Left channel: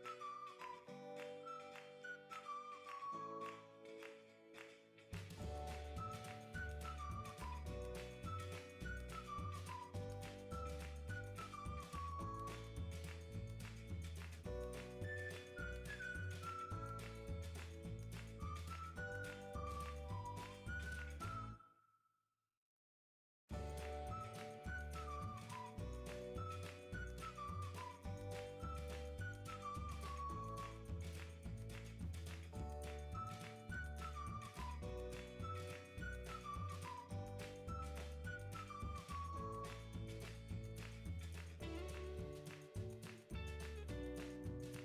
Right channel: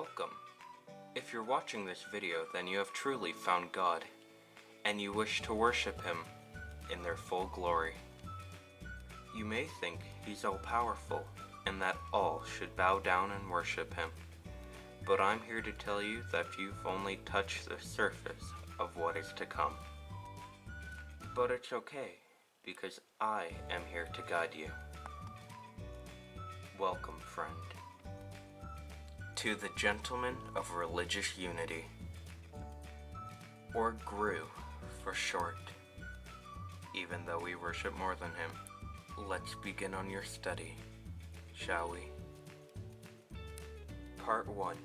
Welcome. If you're watching this video, then you have truly found God, and you wish to worship Him in their full glory. You may think He's all-powerful, and that all should bow down and worship Him. But I'm here to tell you that you've only touched the surface of what is to come. But it's okay, because I am here to guide you. Welcome, friend, to the Gentleman of Religious Unity, or GRU for short. Even though we worship more than him, let's begin on your study, shall we? Part 1.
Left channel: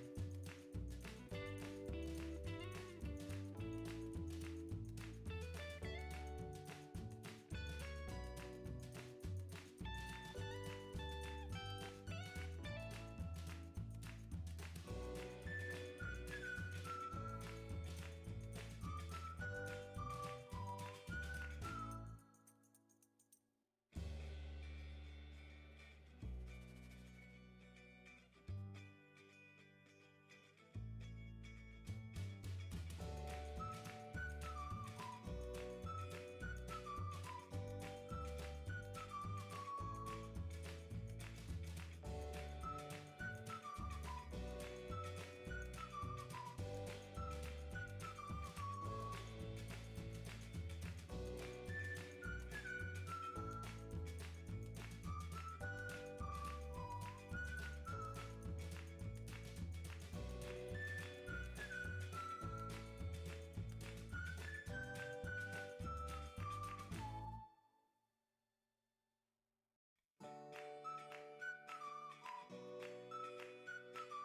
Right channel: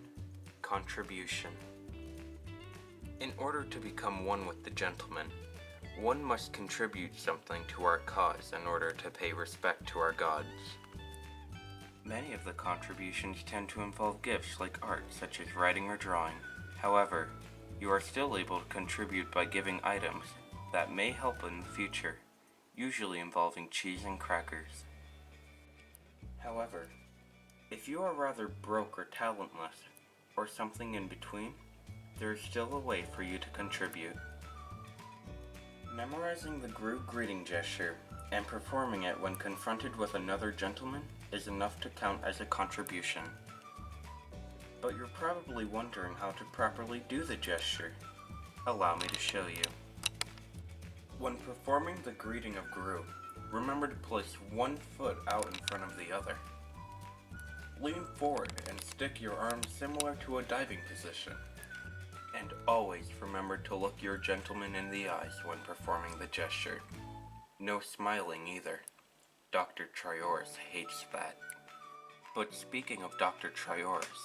Contribution. In order to become one with the Gentleman, one must contribute something to our cause in order to pay respect to our gods. Many of the contributions tend to involve gifts like art, such as writing or drawing. However, you are still able to contribute by giving items that may help in the future, usually involving cheese and crackers. However, if you are rather broke or talentless, or something in between, there is still a way for you to contribute. Memorizing the GRU greeting gesture and performing it when confronted with another gentleman is enough to count as a contribution. But you're probably wondering how to properly do the gesture. Allow me to show you. When performing the greeting of GRU, remember to place one foot out in front of the other. Lean forward and stick your arms similar to a diving position. And always remember to look your gentleman in the eyes when performing the gesture. No smiling either. Dr. Triors hates that. But speaking of Dr. Triors,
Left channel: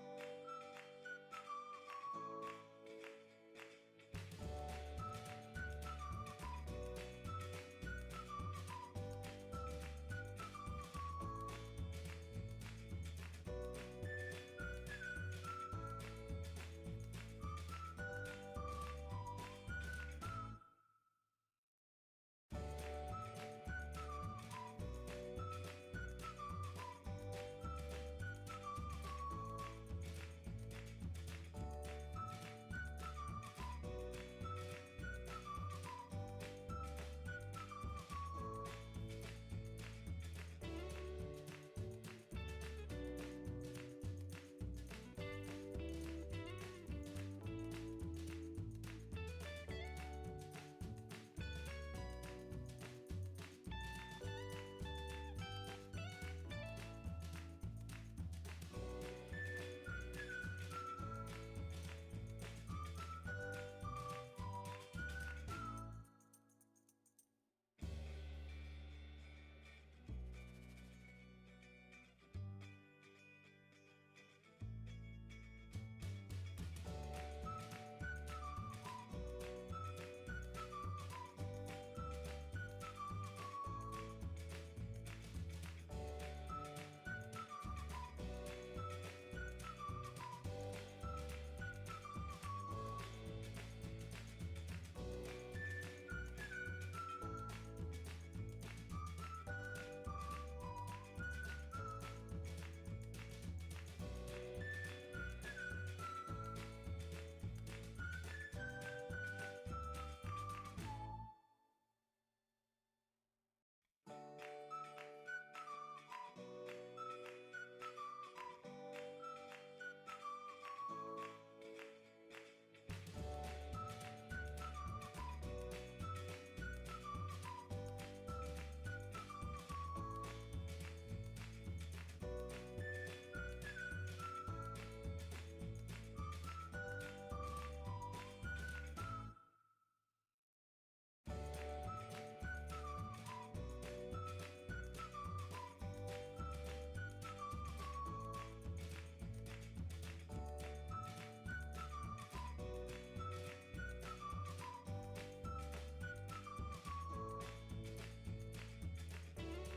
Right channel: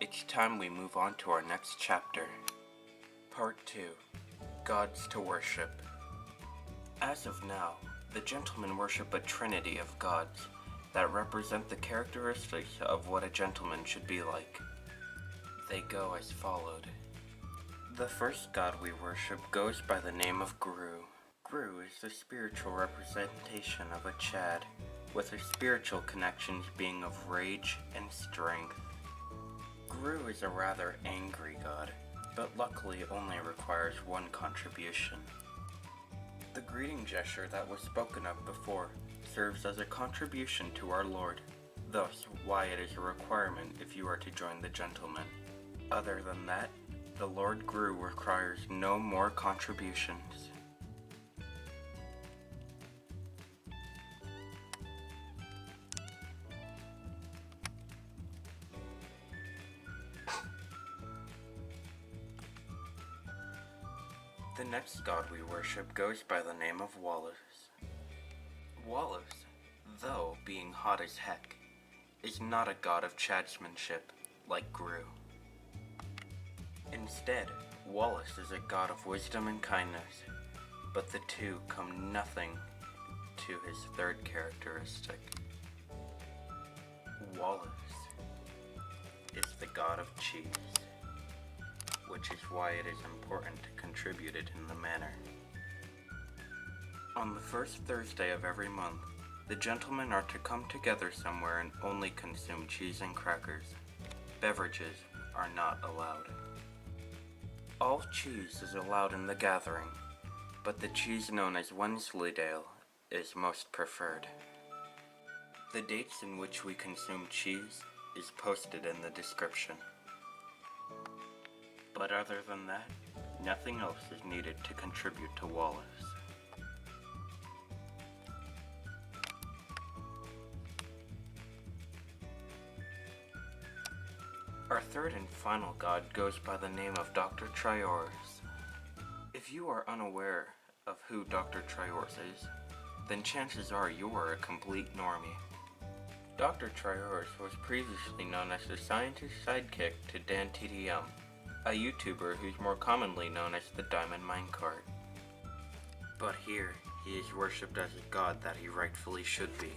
it's time we move on to our next chapter. Part 2. Gods to Worship. As of now, the gentlemen worship a trinity of gods that represent the characteristics of what a gentleman should be like. They go as followed. The first god we worship goes by the name of GRU. GRU is the spiritual representation of a Chad, with his spiritual connections being of rage and strength. GRU is a rather angry god, but luckily only requires one contribution. The greeting gesture that was spoken of before serves as a contribution to our Lord, thus why it is a requirement if you are to join the gentlemen. Other than that, the Lord GRU requires no more contributions. The next god we worship goes by the name of Wallace. Wallace, though being hot as heck, is not a god of chadsmanship like GRU. Instead, Wallace is a god of wisdom and kindness, but the two come nothing to his third characteristic. Wallace is the god of cheese, which is why it is important to contribute it in the manner. On the first Thursday of every month, the gentlemen are to come together somewhere and only consume cheese and crackers. Beverages are not allowed. All cheese is allowed in the gathering, but the cheese known as Wensleydale is most preferred. The dates in which we consume cheese is posted in the description. But other than that, nothing else is needed to contribute to Wallace. Our third and final god goes by the name of Dr. Triors. If you are unaware of who Dr. Triors is, then chances are you are a complete normie. Dr. Triors was previously known as the scientist sidekick to Dan TDM, a YouTuber who's more commonly known as the Diamond Minecart. But here, he is worshipped as a god that he rightfully should be,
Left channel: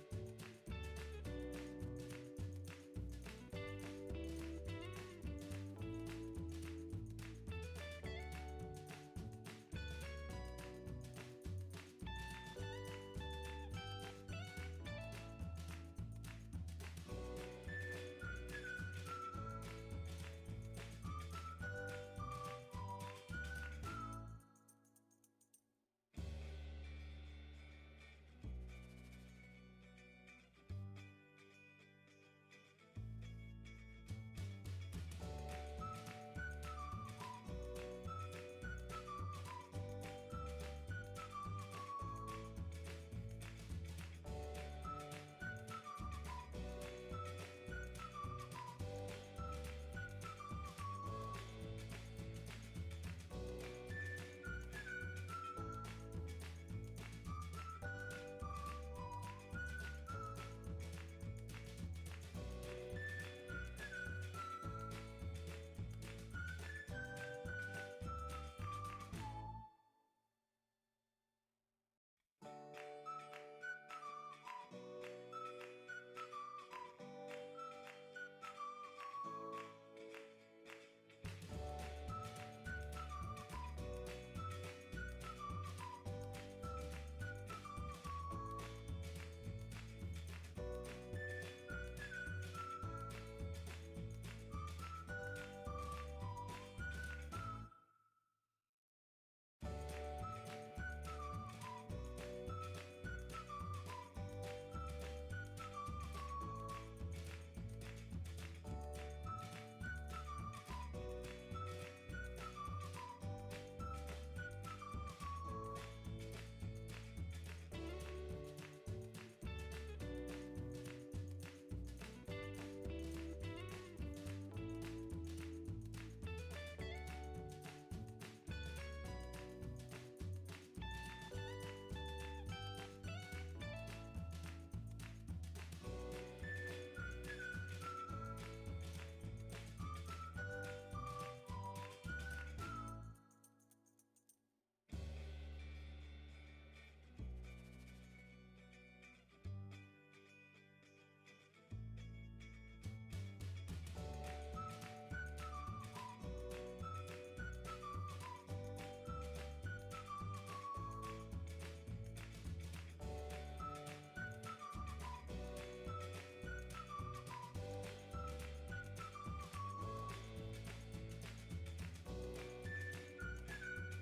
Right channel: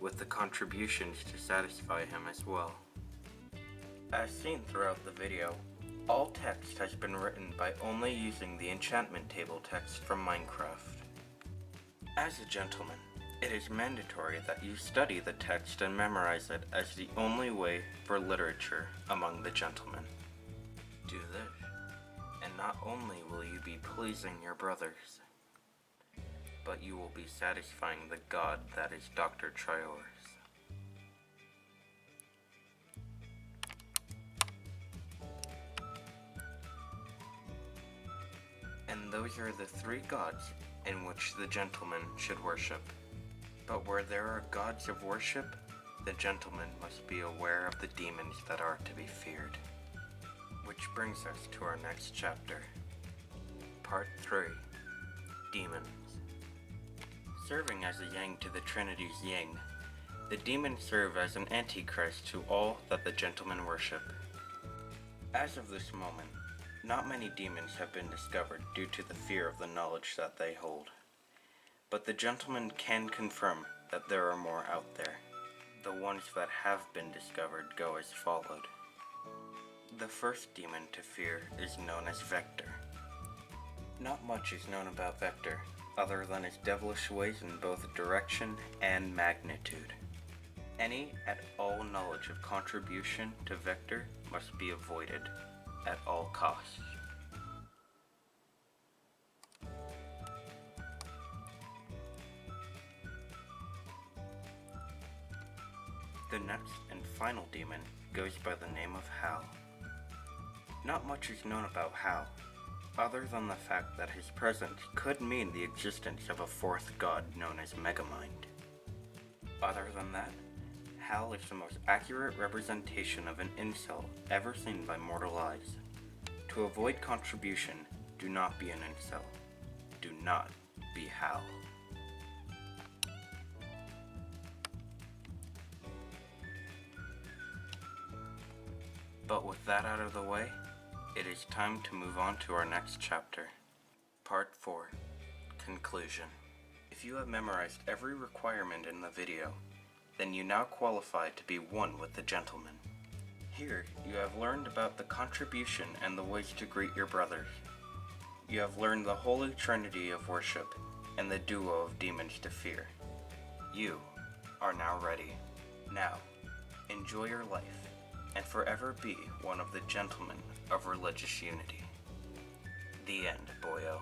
with the contributions to satisfy him as well. As seen throughout the video, all text has been written by only using the enchantment table text from Minecraft. As a gentleman, It is mandatory that you study the text and memorize it as the only way for literature among the gentlemen. Do this, and not only will you be pleasing your brothers, but you will be satisfying the god that is Dr. Trior's. And those are the three gods in which the gentleman should worship. But where there are gods of worship, the gentleman must be aware of the demons that are to be feared. Which brings us to our next chapter. Part 3. Demons. Serving as a yang to the Trinity's yang, the demons serve as an antichrist to all that the gentlemen worship. As of this moment, not many demons have been discovered due to the fear of the knowledge that they hold. But the gentleman can confirm that there are more out there. The ones that have been discovered go as followed. The first demon to fear is known as Vector. Not much is known about Vector, other than his devilish ways in both direction and magnitude. Any at all knowledge of contribution to Vector must be avoided at all costs. The next and final demon goes by the name of Hal. Not much is known about Hal, other than the fact that his presence could mean the existence of a fourth god known as Megamind. Other than that, Hal is the most accurate representation of an incel ever seen by mortal eyes. To avoid contribution, do not be an incel. Do not be Hal. But with that out of the way, it is time to move on to our next chapter. Part 4. Conclusion. If you have memorized every requirement in the video, then you now qualify to be one with the gentleman. Here, you have learned about the contribution and the ways to greet your brothers. You have learned the holy trinity of worship and the duo of demons to fear. You are now ready. Now, enjoy your life and forever be one of the gentlemen of religious unity. The end, boyo.